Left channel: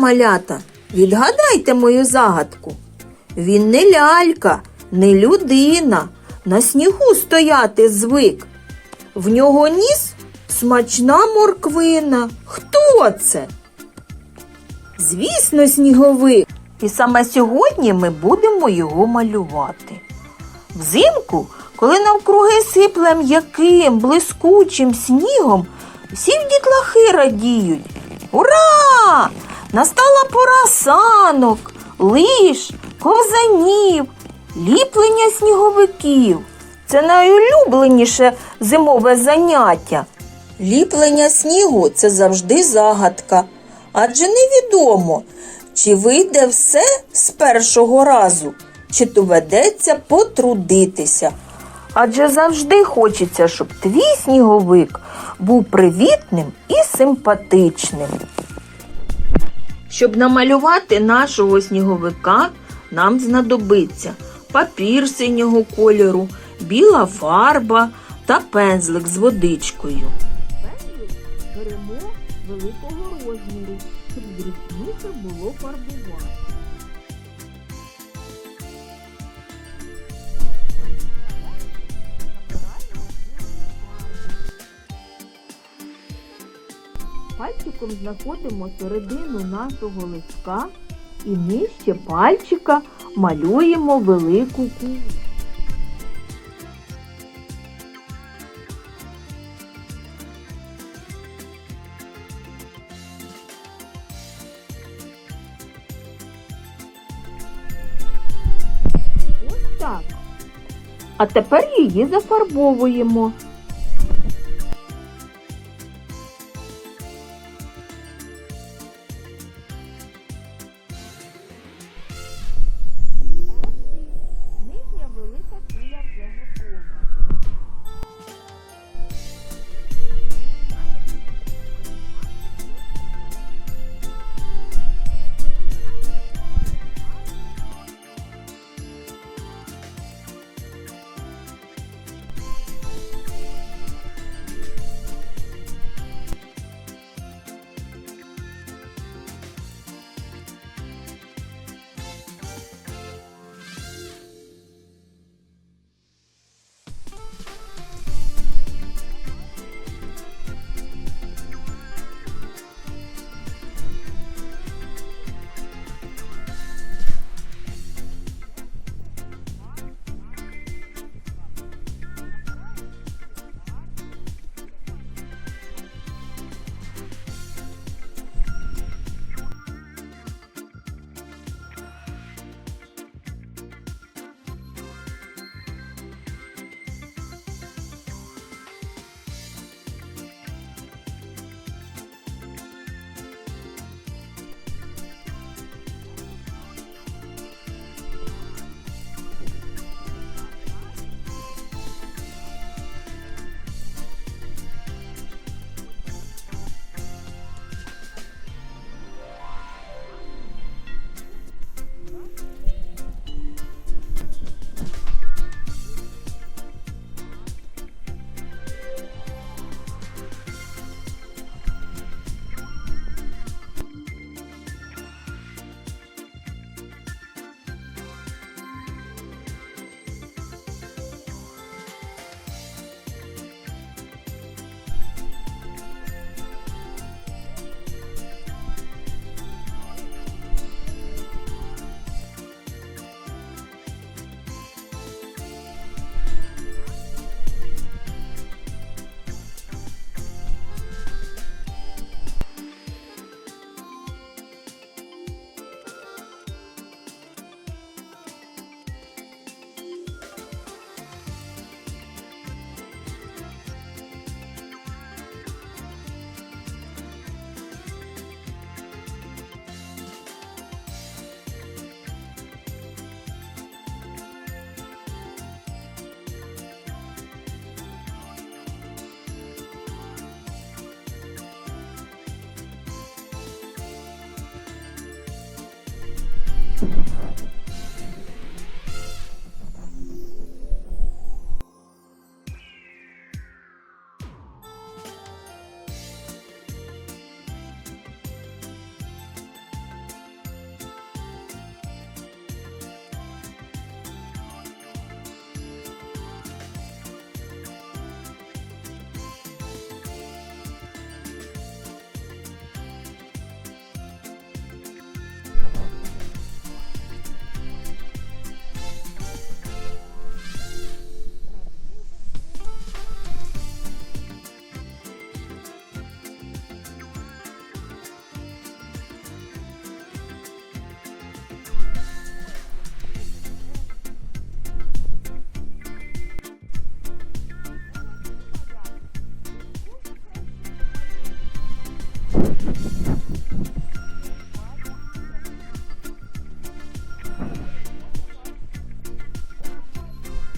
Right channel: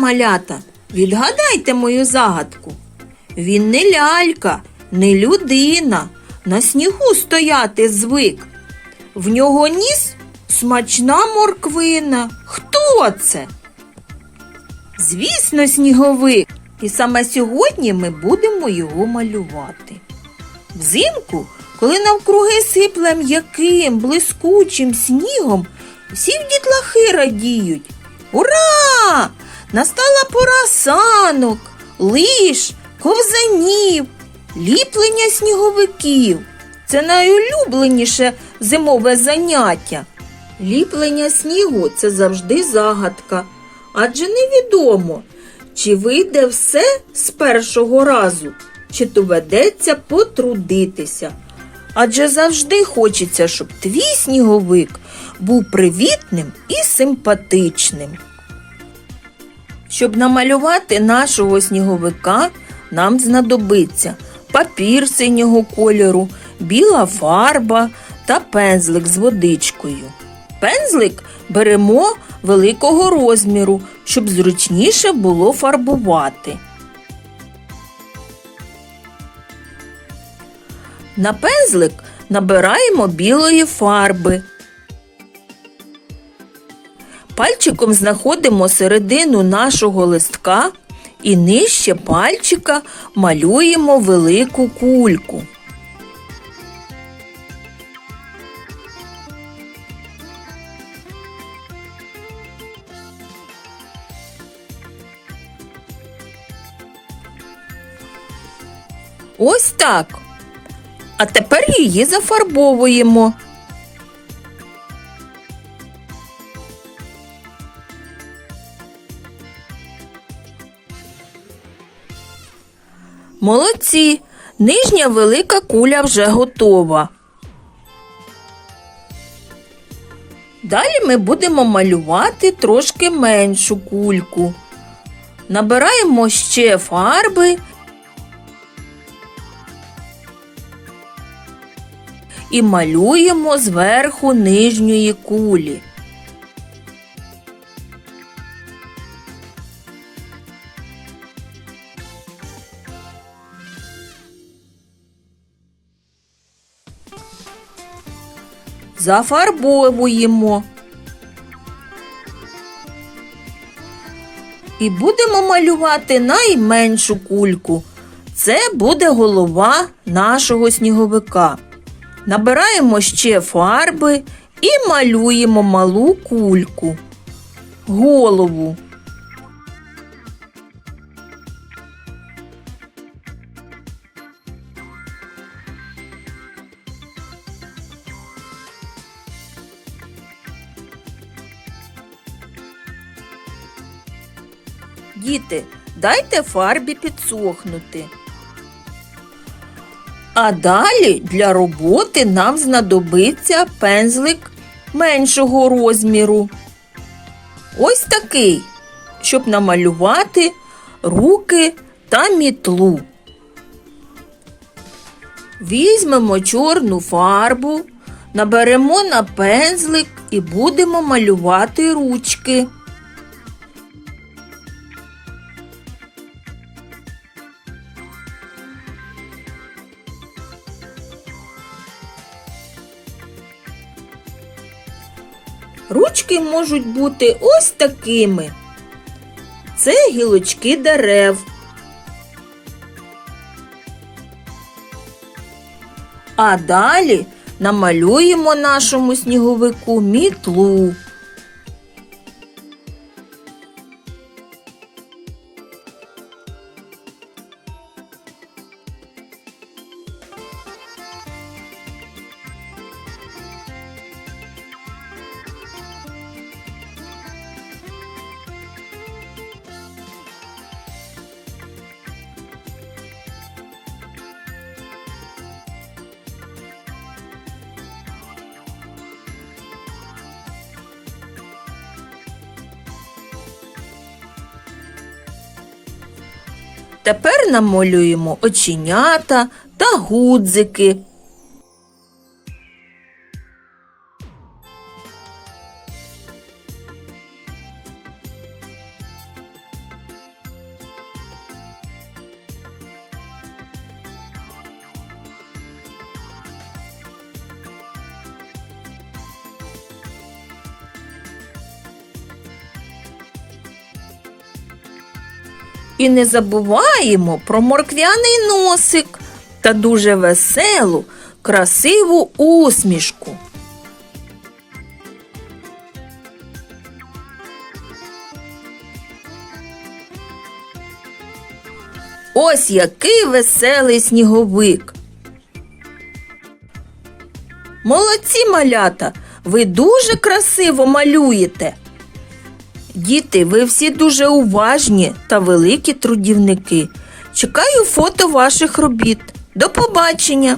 малята, відгадайте мою загадку. Він не лялька, не людина, на снігу стояти звик. В нього ніс смачна морквина. Хто це? Звісно, сніговик. І саме сьогодні ми будемо його малювати. Взимку, коли навкруги сипле м'яким, блискучим снігом, всі дітлахи радіють. Ура! Настала пора санок, лиш, ковзанів, ліплення сніговиків. Це найулюбленіше зимове заняття. Ліплення снігу це завжди загадка, адже невідомо, чи вийде все з першого разу, чи доведеться потрудитися. Адже завжди хочеться, щоб твій сніговик був привітним і симпатичним. Щоб намалювати нашого сніговика, нам знадобиться папір синього кольору, біла фарба та пензлик з водичкою. Пензлик беремо великого розміру, щоб зручніше було фарбувати. На пензлик набираємо білої фарби. Пальчиком знаходимо середину нашого листка і нижче пальчика малюємо велику кульку. Ось так. А тепер її зафарбовуємо. Молодці! Нижня велика куля вже готова. Далі ми будемо малювати трошки меншу кульку. Набираємо ще фарби і малюємо зверху нижньої кулі. Зафарбовуємо. І будемо малювати найменшу кульку. Це буде голова нашого сніговика. Набираємо ще фарби і малюємо малу кульку. Голову. Діти, дайте фарбі підсохнути. А далі для роботи нам знадобиться пензлик меншого розміру. Ось такий, щоб намалювати руки та мітлу. Візьмемо чорну фарбу, наберемо на пензлик і будемо малювати ручки. Ручки можуть бути ось такими. Це гілочки дерев. А далі намалюємо нашому сніговику мітлу. Тепер намалюємо оченята та гудзики. І не забуваємо про морквяний носик та дуже веселу, красиву усмішку. Ось який веселий сніговик. Молодці малята, ви дуже красиво малюєте. Діти, ви всі дуже уважні та великі трудівники. Чекаю фото ваших робіт. До побачення!